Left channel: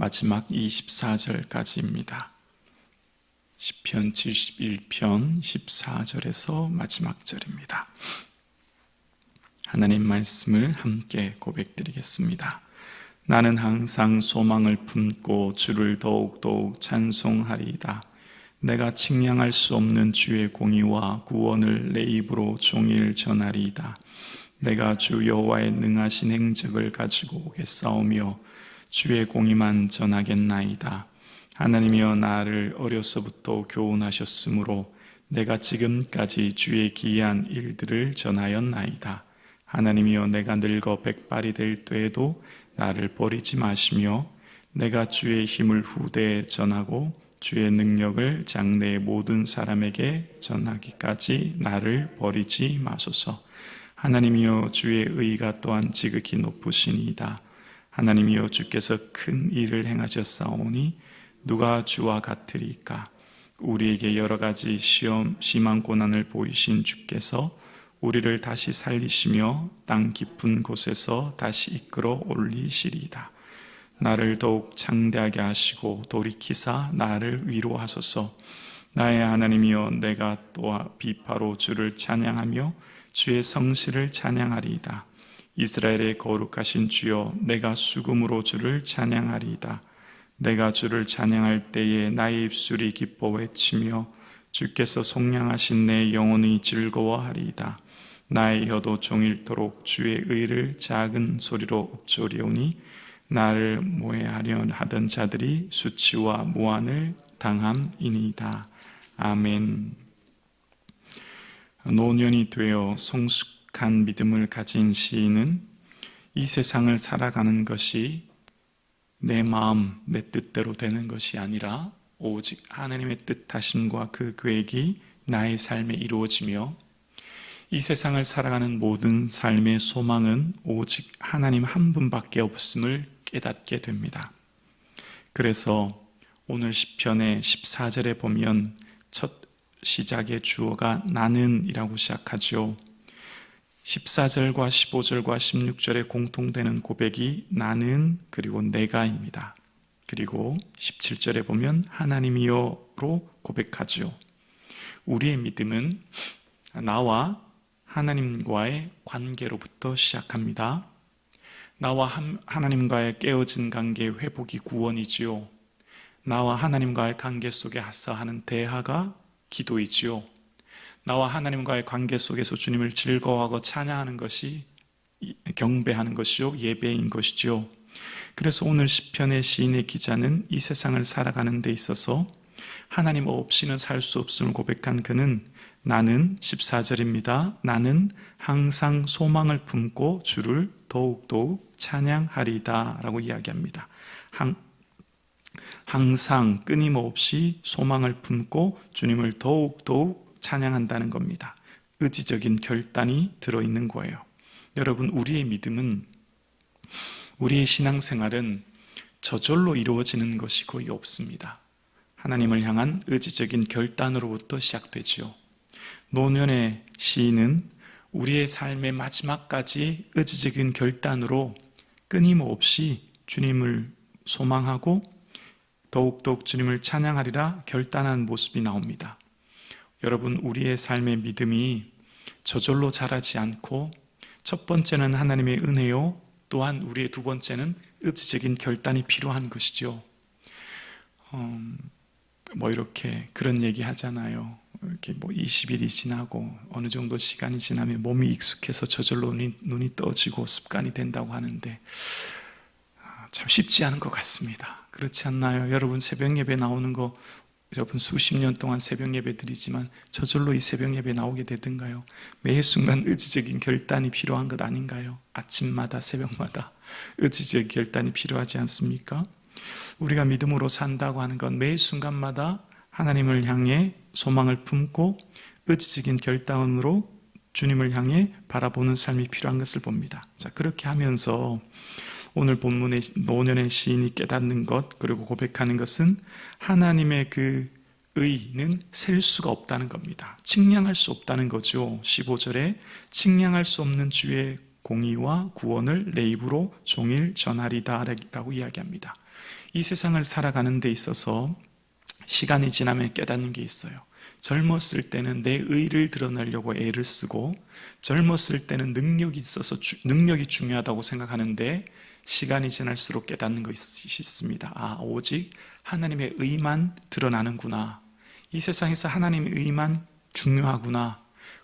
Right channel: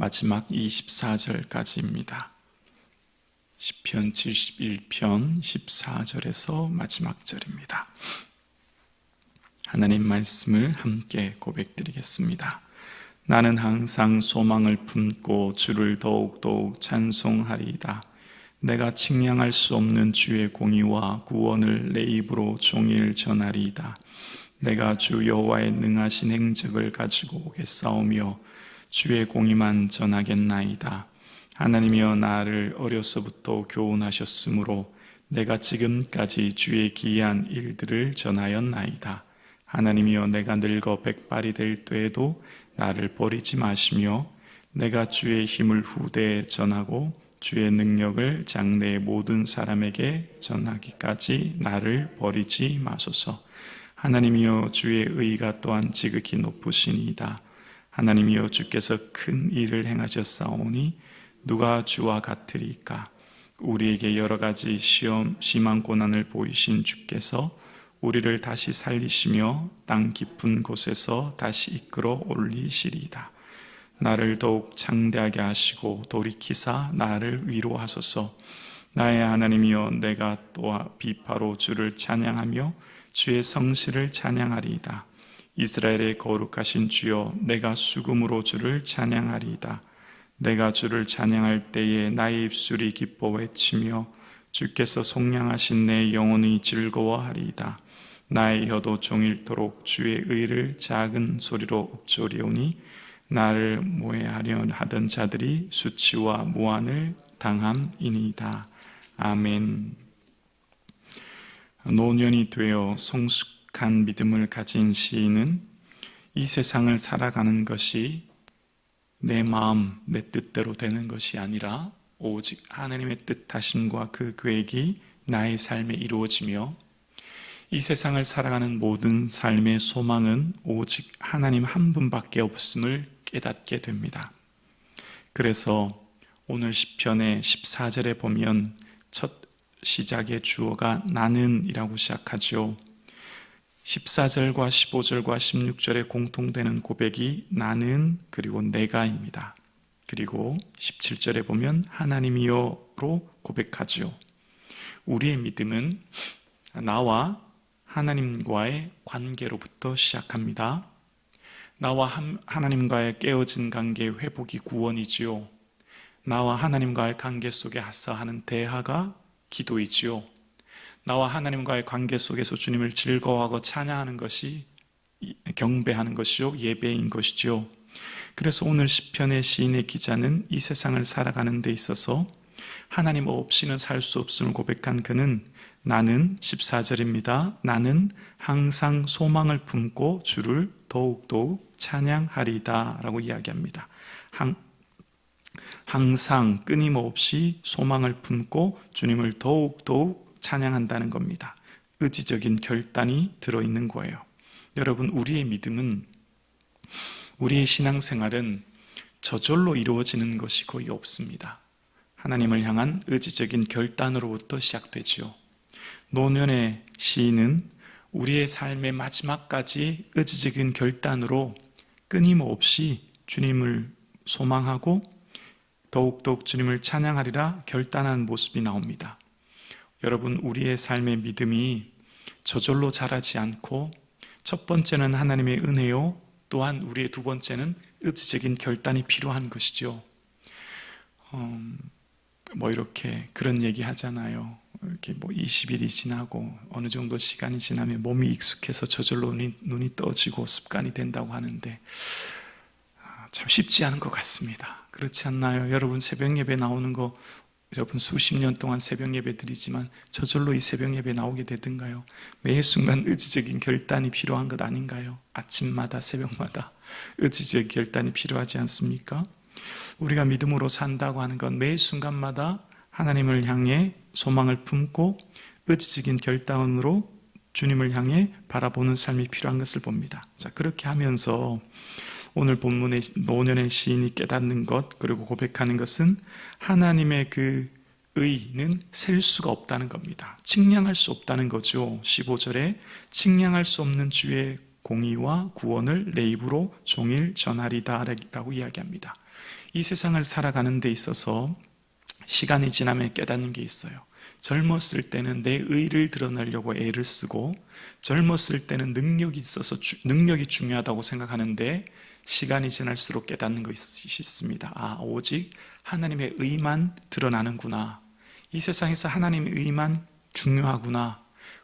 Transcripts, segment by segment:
마지막 24절까지입니다. 시편 71편 14절에서 마지막 절입니다. 하나님 말씀을 함께 고백드리겠습니다. 나는 항상 소망을 품고 주를 더욱더욱 찬송하리이다. 내가 측량할 수 없는 주의 공의와 구원을 내 입으로 종일 전하리이다. 내가 주 여호와의 능하신 행적을 가지고 오겠사오며 주의 공의만 전하겠나이다. 하나님이여 나를 어려서부터 교훈하셨으므로 내가 지금까지 주의 기이한 일들을 전하였나이다. 하나님이여 내가 늙어 백발이 될 때에도 나를 버리지 마시며 내가 주의 힘을 후대에 전하고 주의 능력을 장래의 모든 사람에게 전하기까지 나를 버리지 마소서. 하나님이여 주의 의가 또한 지극히 높으시니이다. 하나님이여 주께서 큰 일을 행하셨사오니 누가 주와 같으리까? 우리에게 여러 가지 심한 고난을 보이신 주께서 우리를 다시 살리시며 땅 깊은 곳에서 다시 이끌어 올리시리이다. 나를 더욱 창대하게 하시고 돌이키사 나를 위로하소서. 나의 하나님이여 내가 또한 비파로 주를 찬양하며 주의 성실을 찬양하리이다. 이스라엘의 거룩하신 주여 내가 수금으로 주를 찬양하리이다. 내가 주를 찬양할 때에 나의 입술이 기뻐 외치며 주께서 속량하신 내 영혼이 즐거워하리이다. 나의 혀도 종일토록 주의 의를 작은 소리로 읊조리오니 나를 모해하려 하던 자들이 수치와 모한을 당함이니이다. 아멘. 노년이 되어 성숙한 믿음을 가진 시인은 이 세상을 살아가는 것이 내 마음, 내 뜻대로 되는 것이 아니라 오직 하나님의 뜻하심과 그 계획이 나의 삶에 이루어지며 이 세상을 살아가는 모든 삶의 소망은 오직 하나님 한 분밖에 없음을 깨닫게 됩니다. 그래서 오늘 시편의 14절에 보면 첫 시작의 주어가 나는 이라고 시작하죠. 14절과 15절과 16절에 공통되는 고백이 나는 그리고 내가입니다. 그리고 17절에 보면 하나님이여로 고백하죠. 우리의 믿음은 나와 하나님과의 관계로부터 시작합니다. 나와 하나님과의 깨어진 관계의 회복이 구원이지요. 나와 하나님과의 관계 속에 하사하는 대화가 기도이지요. 나와 하나님과의 관계 속에서 주님을 즐거워하고 찬양하는 것이 경배하는 것이요 예배인 것이지요. 그래서 오늘 시편의 시인의 기자는 이 세상을 살아가는 데 있어서 하나님 없이는 살 수 없음을 고백한 그는 나는 14절입니다. 나는 항상 소망을 품고 주를 더욱더욱 찬양하리다 라고 이야기합니다. 항상 끊임없이 소망을 품고 주님을 더욱더욱 찬양한다는 겁니다. 의지적인 결단이 들어있는 거예요. 여러분, 우리의 믿음은, 우리의 신앙생활은 저절로 이루어지는 것이 거의 없습니다. 하나님을 향한 의지적인 결단으로부터 시작되지요. 노년의 시인은 우리의 삶의 마지막까지 의지적인 결단으로 끊임없이 주님을 소망하고 더욱더욱 주님을 찬양하리라 결단하는 모습이 나옵니다. 여러분, 우리의 삶의 믿음이 저절로 자라지 않고 첫 번째는 하나님의 은혜요, 또한 우리의 두 번째는 의지적인 결단이 필요한 것이죠. 이렇게 그런 얘기 하잖아요. 이렇게 20일이 지나고 어느 정도 시간이 지나면 몸이 익숙해서 저절로 눈이 떠지고 습관이 된다고 하는데 참 쉽지 않은 것 같습니다. 그렇지 않나요? 여러분, 새벽 예배 나오는 거 여러분 수십 년 동안 새벽 예배 드리지만 저절로 이 새벽 예배 나오게 되던가요? 매 순간 의지적인 결단이 필요한 것 아닌가요? 아침마다 새벽마다 의지적인 결단이 필요하지 않습니까? 우리가 믿음으로 산다고 하는 건 매 순간마다 하나님을 향해 소망을 품고 의지적인 결단으로 주님을 향해 바라보는 삶이 필요한 것을 봅니다. 자, 그렇게 하면서 오늘 본문의 노년의 시인이 깨닫는 것, 그리고 고백하는 것은 하나님의 그 의는 셀 수가 없다는 겁니다. 측량할 수 없다는 거죠. 15절에 측량할 수 없는 주의 공의와 구원을 내 입으로 종일 전하리다 라고 이야기합니다. 이 세상을 살아가는 데 있어서 시간이 지나면 깨닫는 게 있어요. 젊었을 때는 내 의를 드러내려고 애를 쓰고 젊었을 때는 능력이 있어서 능력이 중요하다고 생각하는데 시간이 지날수록 깨닫는 것이 있습니다. 오직 하나님의 의만 드러나는구나. 이 세상에서 하나님의 의만 중요하구나.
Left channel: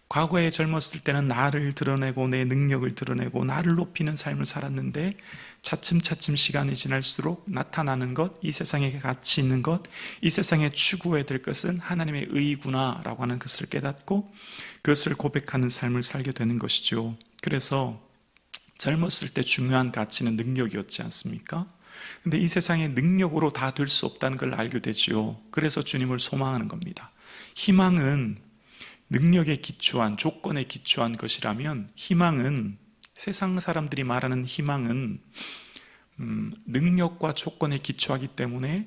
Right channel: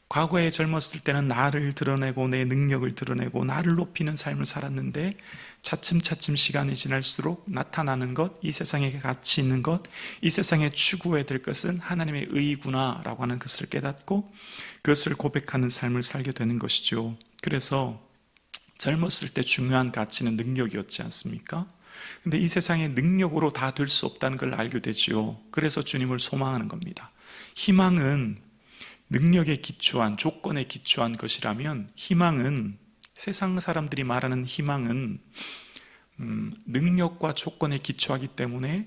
과거에 젊었을 때는 나를 드러내고 내 능력을 드러내고 나를 높이는 삶을 살았는데 차츰차츰 시간이 지날수록 나타나는 것, 이 세상에 가치 있는 것, 이 세상에 추구해야 될 것은 하나님의 의구나라고 하는 것을 깨닫고 그것을 고백하는 삶을 살게 되는 것이죠. 그래서 젊었을 때 중요한 가치는 능력이었지 않습니까? 근데 이 세상의 능력으로 다 될 수 없다는 걸 알게 되죠. 그래서 주님을 소망하는 겁니다. 희망은 능력에 기초한, 조건에 기초한 것이라면 희망은, 세상 사람들이 말하는 희망은 능력과 조건에 기초하기 때문에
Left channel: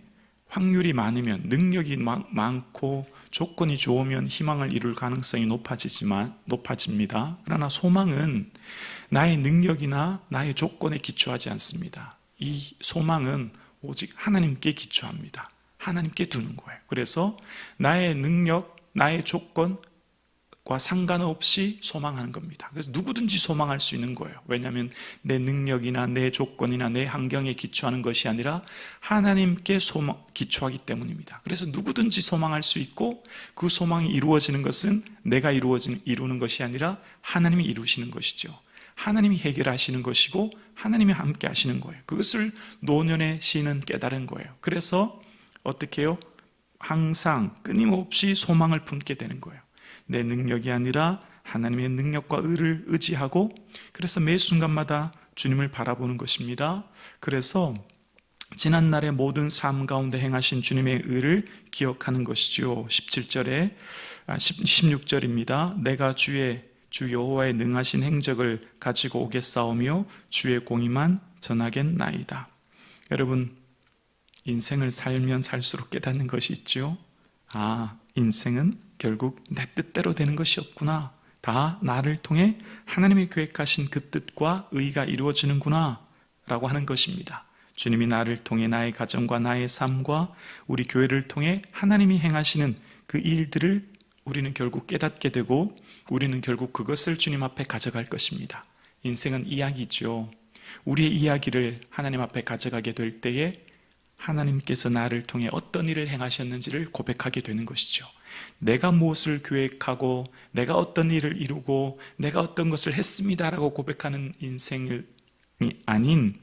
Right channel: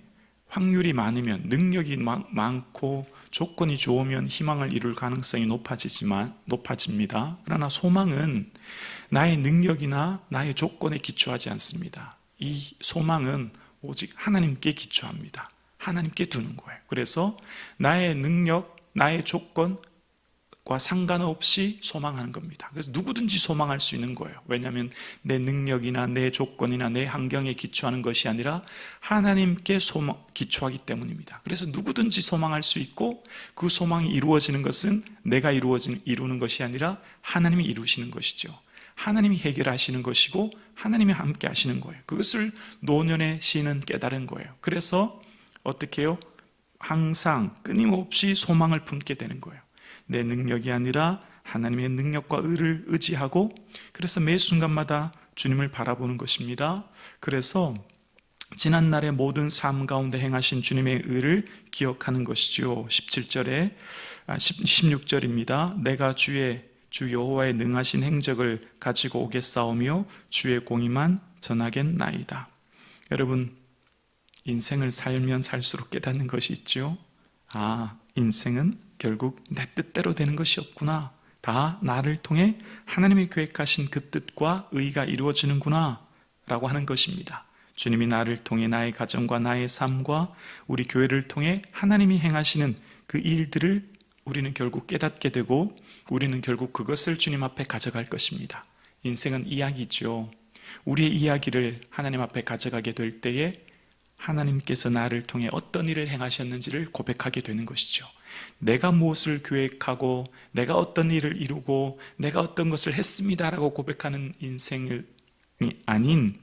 확률이 많으면, 능력이 많고 조건이 좋으면 희망을 이룰 가능성이 높아집니다. 그러나 소망은 나의 능력이나 나의 조건에 기초하지 않습니다. 이 소망은 오직 하나님께 기초합니다. 하나님께 두는 거예요. 그래서 나의 능력, 나의 조건과 상관없이 소망하는 겁니다. 그래서 누구든지 소망할 수 있는 거예요. 왜냐하면 내 능력이나 내 조건이나 내 환경에 기초하는 것이 아니라 하나님께 기초하기 때문입니다. 그래서 누구든지 소망할 수 있고 그 소망이 이루어지는 것은 내가 이루는 것이 아니라 하나님이 이루시는 것이죠. 하나님이 해결하시는 것이고 하나님이 함께 하시는 거예요. 그것을 노년의 시인은 깨달은 거예요. 그래서 어떻게 해요? 항상 끊임없이 소망을 품게 되는 거예요. 내 능력이 아니라 하나님의 능력과 의를 의지하고 그래서 매 순간마다 주님을 바라보는 것입니다. 그래서 지난날의 모든 삶 가운데 행하신 주님의 의를 기억하는 것이죠. 16절입니다. 내가 주 여호와의 능하신 행적을 가지고 오겠사오며 주의 공의만 전하겠나이다. 여러분, 인생을 살면 살수록 깨닫는 것이 있죠. 인생은 결국 내 뜻대로 되는 것이 없구나. 다 나를 통해 하나님이 계획하신 그 뜻과 의가 이루어지는구나 라고 하는 것입니다. 주님이 나를 통해 나의 가정과 나의 삶과 우리 교회를 통해 하나님이 행하시는 그 일들을 우리는 결국 깨닫게 되고 우리는 결국 그것을 주님 앞에 가져갈 것입니다. 인생은 이야기죠. 우리의 이야기를 하나님 앞에 가져가게 될 때에 하나님께서 나를 통해 어떤 일을 행하셨는지를 고백하게 되는 것이죠. 내가 무엇을 계획하고 내가 어떤 일을 이루고 내가 어떤 것을 했습니다라고 고백하는 인생이 아닌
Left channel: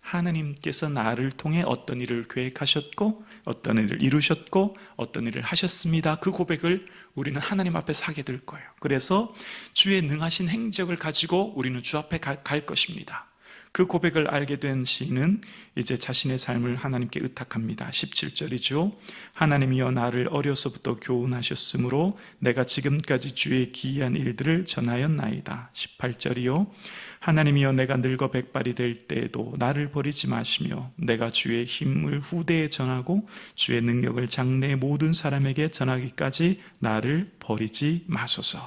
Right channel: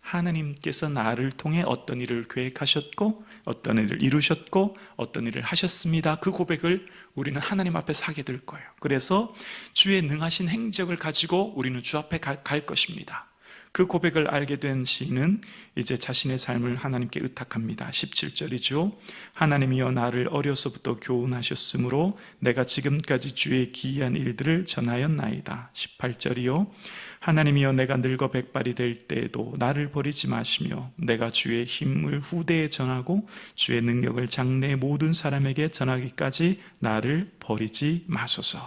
하나님께서 나를 통해 어떤 일을 계획하셨고 어떤 일을 이루셨고 어떤 일을 하셨습니다. 그 고백을 우리는 하나님 앞에 사게 될 거예요. 그래서 주의 능하신 행적을 가지고 우리는 주 앞에 갈 것입니다. 그 고백을 알게 된 시인은 이제 자신의 삶을 하나님께 의탁합니다. 17절이죠. 하나님이여 나를 어려서부터 교훈하셨으므로 내가 지금까지 주의 기이한 일들을 전하였나이다. 18절이요. 하나님이여 내가 늙어 백발이 될 때에도 나를 버리지 마시며 내가 주의 힘을 후대에 전하고 주의 능력을 장래 모든 사람에게 전하기까지 나를 버리지 마소서.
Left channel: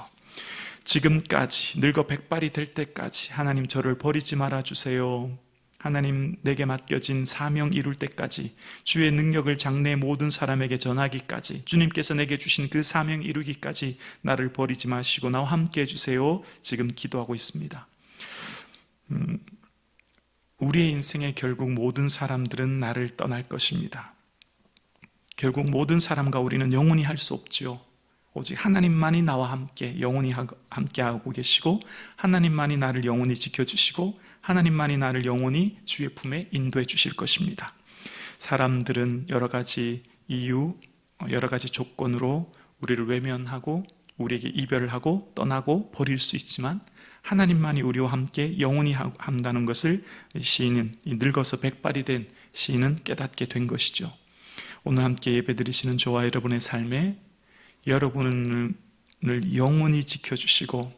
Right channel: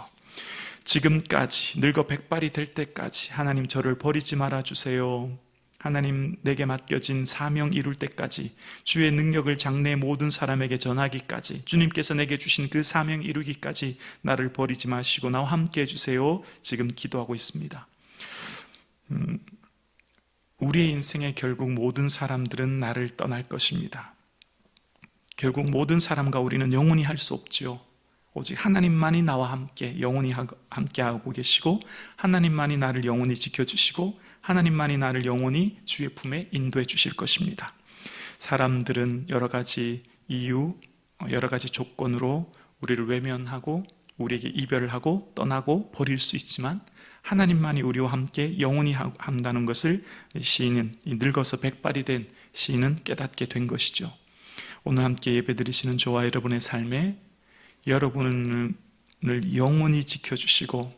지금까지 늙어 백발이 될 때까지 하나님 저를 버리지 말아주세요. 하나님 내게 맡겨진 사명 이룰 때까지 주의 능력을 장래 모든 사람에게 전하기까지 주님께서 내게 주신 그 사명 이루기까지 나를 버리지 마시고 나와 함께 해주세요. 지금 기도하고 있습니다. 우리의 인생에 결국 모든 사람들은 나를 떠날 것입니다. 결국 모든 사람과 우리는 영원히 할 수 없지요. 오직 하나님만이 나와 함께 영원히 함께하고 계시고 하나님만이 나를 영원히 지켜주시고 하나님만이 나를 영원히 주의 품에 인도해 주실 것입니다. 사람들은 여러 가지 이유, 여러 가지 조건으로 우리를 외면하고 우리에게 이별을 하고 떠나고 버릴 수 있지만 하나님만이 우리와 함께 영원히 한다는 것을 시인은 늙어서 백발이 된 시인은 깨닫게 된 것이죠. 오늘 함께 예배드리시는 저와 여러분의 삶에 여러분을 영원히 지켜주시고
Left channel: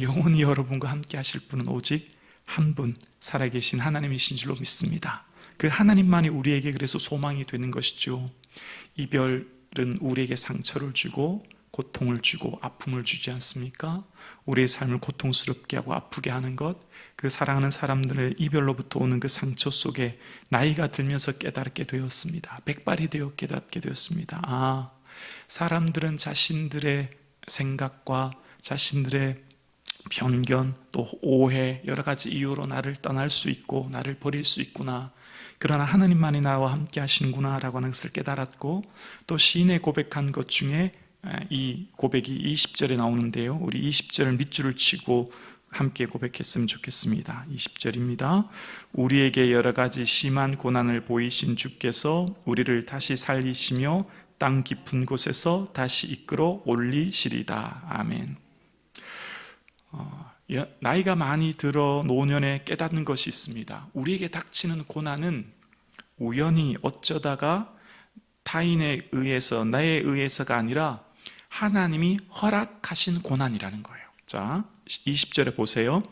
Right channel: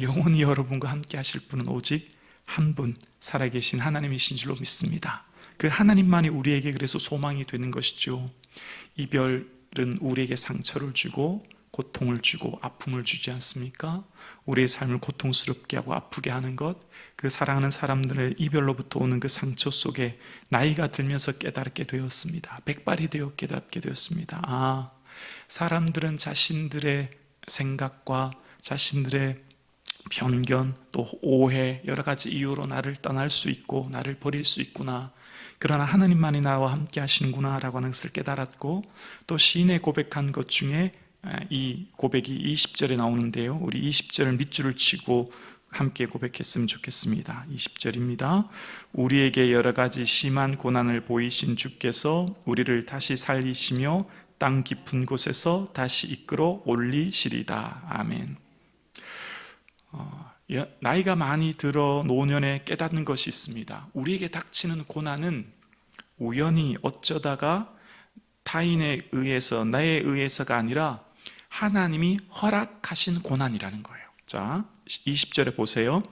영원히 여러분과 함께 하실 분은 오직 한 분 살아계신 하나님이신 줄로 믿습니다. 그 하나님만이 우리에게 그래서 소망이 되는 것이죠. 이별은 우리에게 상처를 주고 고통을 주고 아픔을 주지 않습니까? 우리의 삶을 고통스럽게 하고 아프게 하는 것, 그 사랑하는 사람들의 이별로부터 오는 그 상처 속에 나이가 들면서 깨닫게 되었습니다. 백발이 되어 깨닫게 되었습니다. 사람들은 자신들의 생각과 자신들의 편견, 또 오해, 여러 가지 이유로 나를 떠날 수 있고 나를 버릴 수 있구나. 그러나 하나님만이 나와 함께 하시는구나 라고 하는 것을 깨달았고, 또 시인의 고백한 것 중에 이 고백이 20절에 나오는데요, 우리 20절을 밑줄을 치고 함께 고백했으면 좋겠습니다. 20절입니다. 우리에게 여러 가지 심한 고난을 보이신 주께서 우리를 다시 살리시며 땅 깊은 곳에서 다시 이끌어 올리시리다. 아멘. 나이가 많이 들어 노년에 깨닫는 것이 있습니다. 우리에게 닥치는 고난은 우연히 어쩌다가 타인에 의해서, 나에 의해서가 아니라 하나님이 허락하신 고난이라는 거예요. 자, 20절에 보세요.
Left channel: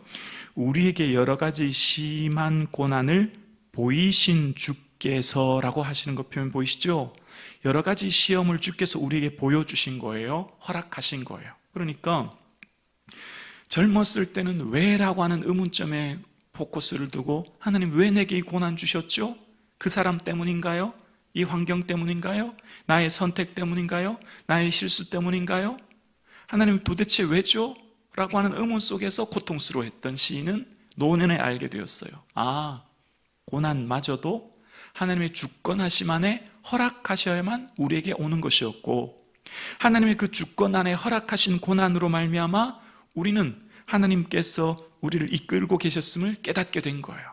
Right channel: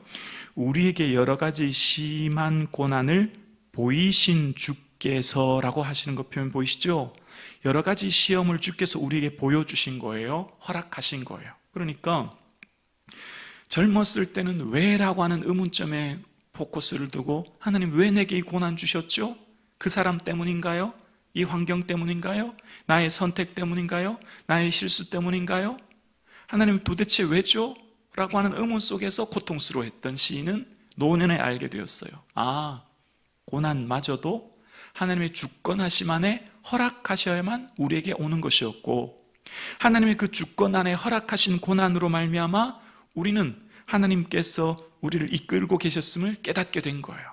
우리에게 여러 가지 심한 고난을 보이신 주께서라고 하시는 거 표현 보이시죠? 여러 가지 시험을 주께서 우리에게 보여주신 거예요. 허락하신 거예요. 그러니까 젊었을 때는 왜라고 하는 의문점에 포커스를 두고, 하나님 왜 내게 이 고난 주셨죠? 그 사람 때문인가요? 이 환경 때문인가요? 나의 선택 때문인가요? 나의 실수 때문인가요? 하나님 도대체 왜죠? 라고 하는 의문 속에서 고통스러워했던 시인은 노년에 알게 되었어요. 고난마저도 하나님의 주권하심 안에 허락하셔야만 우리에게 오는 것이었고, 하나님의 그 주권 안에 허락하신 고난으로 말미암아 우리는 하나님께서 우리를 이끌고 계셨음을 깨닫게 된 거예요.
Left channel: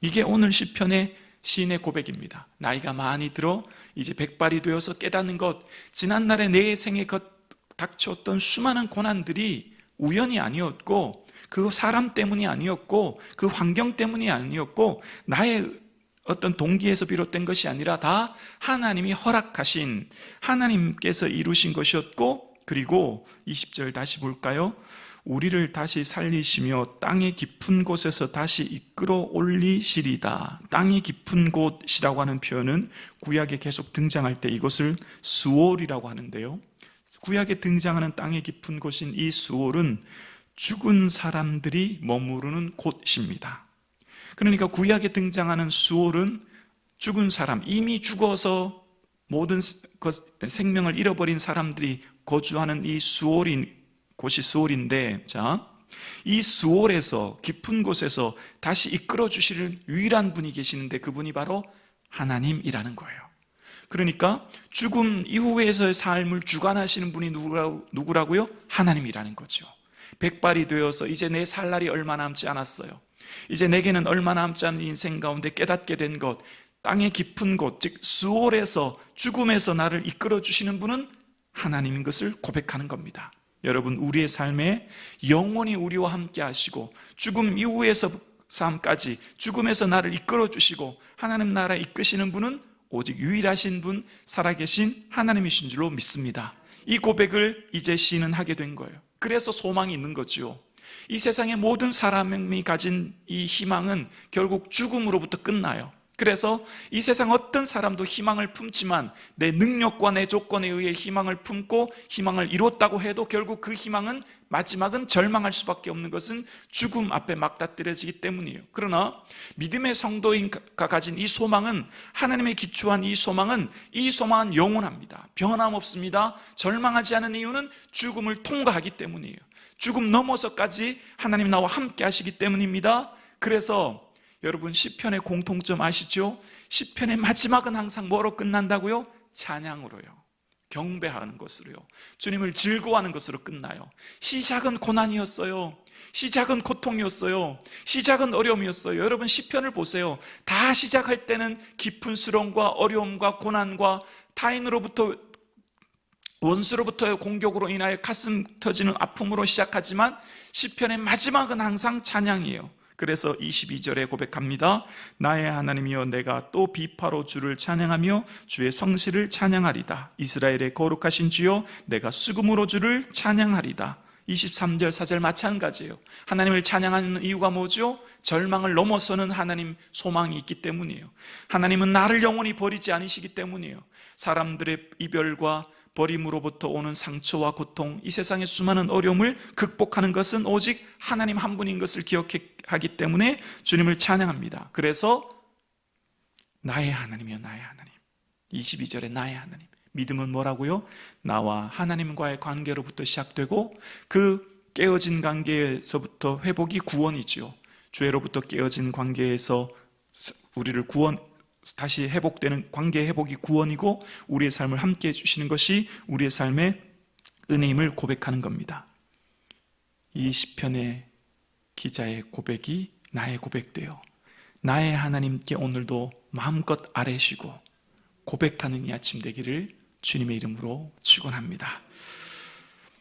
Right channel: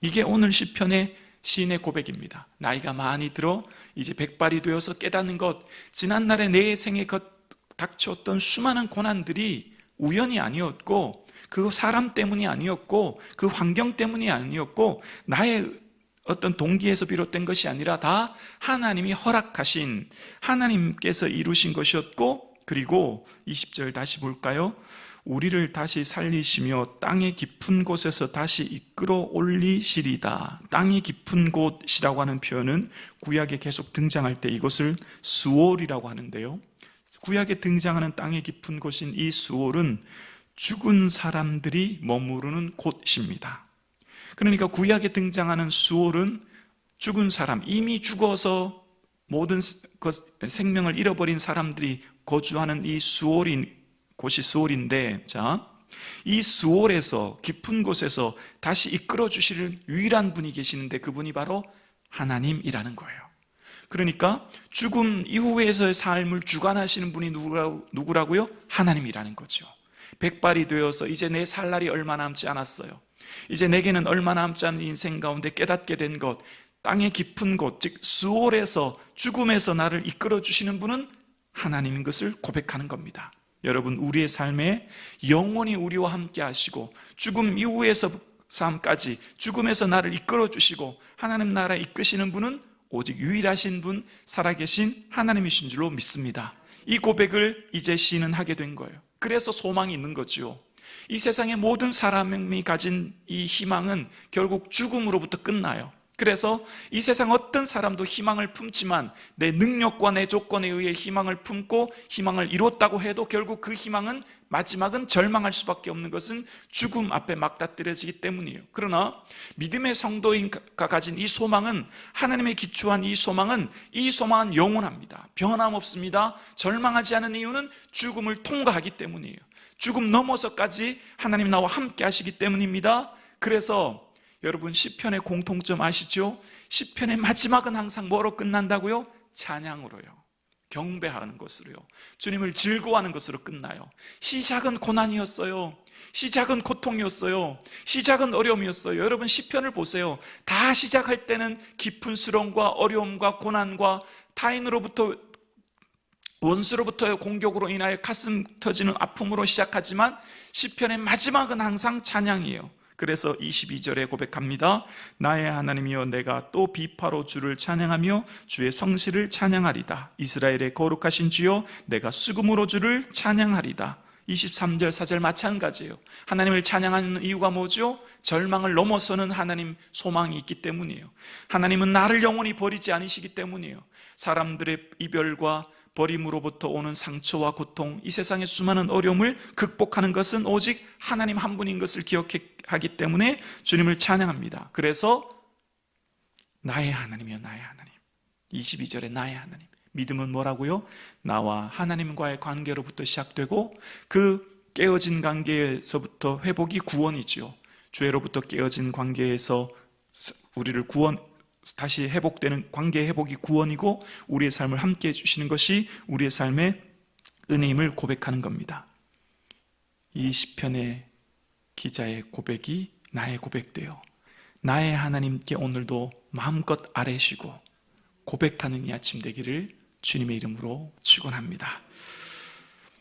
이게 오늘 시편의 시인의 고백입니다. 나이가 많이 들어 이제 백발이 되어서 깨닫는 것, 지난날의 내 생에 닥쳤던 수많은 고난들이 우연이 아니었고, 그 사람 때문이 아니었고, 그 환경 때문이 아니었고, 나의 어떤 동기에서 비롯된 것이 아니라 다 하나님이 허락하신, 하나님께서 이루신 것이었고, 그리고 20절 다시 볼까요? 우리를 다시 살리시며 땅의 깊은 곳에서 다시 이끌어 올리시리다. 땅의 깊은 곳이라고 하는 표현은 구약에 계속 등장할 때 이것을 수올이라고 하는데요, 구약에 등장하는 땅의 깊은 곳인 이 수올은 죽은 사람들이 머무르는 곳입니다. 그러니까 구약에 등장하는 수올은 죽은 사람, 이미 죽어서 모든 생명을 잃어버린 사람들이 거주하는 이 곳이 수올인데, 자, 이 수올에서, 깊은 곳에서 다시 이끌어 주실 유일한 분이 계시는데 그분이 바로 하나님이라는 거예요. 그러니까 죽음 이후에서의 삶을 주관하시는 분이 누구라고요? 하나님이라는 거죠. 백발이 되어서 이제 내 살 날이 얼마 남지 않았어요. 이제 내게는 얼마 남지 않은 인생 가운데 깨닫게 된 것, 땅의 깊은 곳, 즉 수올에서, 죽음에서 나를 이끌어 주시는 분은 하나님인 것을 고백하는 겁니다. 여러분, 우리의 삶에 영원히 우리와 함께 하시고 죽음 이후에서 삶까지 죽음에서 나를 이끌어 주시고 하나님 나라에 이끄시는 분은 오직 유일하신 분, 살아계신 하나님이신 줄로 믿습니다. 이 고백을 이제 시인은 하게 된 거예요. 그래서 소망이 있는 거죠. 이 세상의 모든 사람이 가진 이 희망은 결국 죽음으로부터 끝나요. 그래서 이 세상 어떤 사람도 희망을 품지만 내 능력과 내 조건에 의해 희망을 품고 희망을 이뤘다고 해도 결국 그 희망은 마지막은 절망할 수밖에 없는 것은 죽음 앞에 맞닥뜨려지기 때문이에요. 그러나 믿음의 성도가 가진 이 소망은, 하나님의 기초한 이 소망은 영원합니다. 변함없습니다. 절망하지 않은 이유는 죽음을 통과하기 때문이에요. 죽음 넘어서까지 하나님 나와 함께 하시기 때문입니다. 그래서 여러분, 시편의 공통점 아시죠? 시편의 마지막은 항상 뭐로 끝난다고요? 찬양으로요. 경배하는 것으로요. 주님을 즐거워하는 것으로 끝나요. 시작은 고난이었어요. 시작은 고통이었어요. 시작은 어려움이었어요. 여러분, 시편을 보세요. 다 시작할 때는 깊은 수렁과 어려움과 고난과 타인으로부터, 원수로부터의 공격으로 인하여 가슴 터지는 아픔으로 시작하지만 시편의 마지막은 항상 찬양이에요. 그래서 22절에 고백합니다. 나의 하나님이여, 내가 또 비파로 주를 찬양하며 주의 성실을 찬양하리다. 이스라엘의 거룩하신 주여, 내가 수금으로 주를 찬양하리다. 23절 4절 마찬가지예요. 하나님을 찬양하는 이유가 뭐죠? 절망을 넘어서는 하나님 소망이 있기 때문이에요. 하나님은 나를 영원히 버리지 않으시기 때문이에요. 사람들의 이별과 버림으로부터 오는 상처와 고통, 이 세상의 수많은 어려움을 극복하는 것은 오직 하나님 한 분인 것을 기억하기 때문에 주님을 찬양합니다. 그래서 나의 하나님이여 나의 하나님. 22절에 나의 하나님. 믿음은 뭐라고요? 나와 하나님과의 관계로부터 시작되고 그 깨어진 관계에서부터 회복이 구원이지요. 죄로부터 깨어진 관계에서 우리를 다시 회복되는 관계 회복이 구원이고 우리의 삶을 함께 해주시는 것이 우리의 삶의 은혜임을 고백하는 겁니다. 이 시편의 기자의 고백이 나의 고백되어 나의 하나님께 오늘도 마음껏 아뢰시고 고백하는 이 아침 되기를 주님의 이름으로 축원합니다.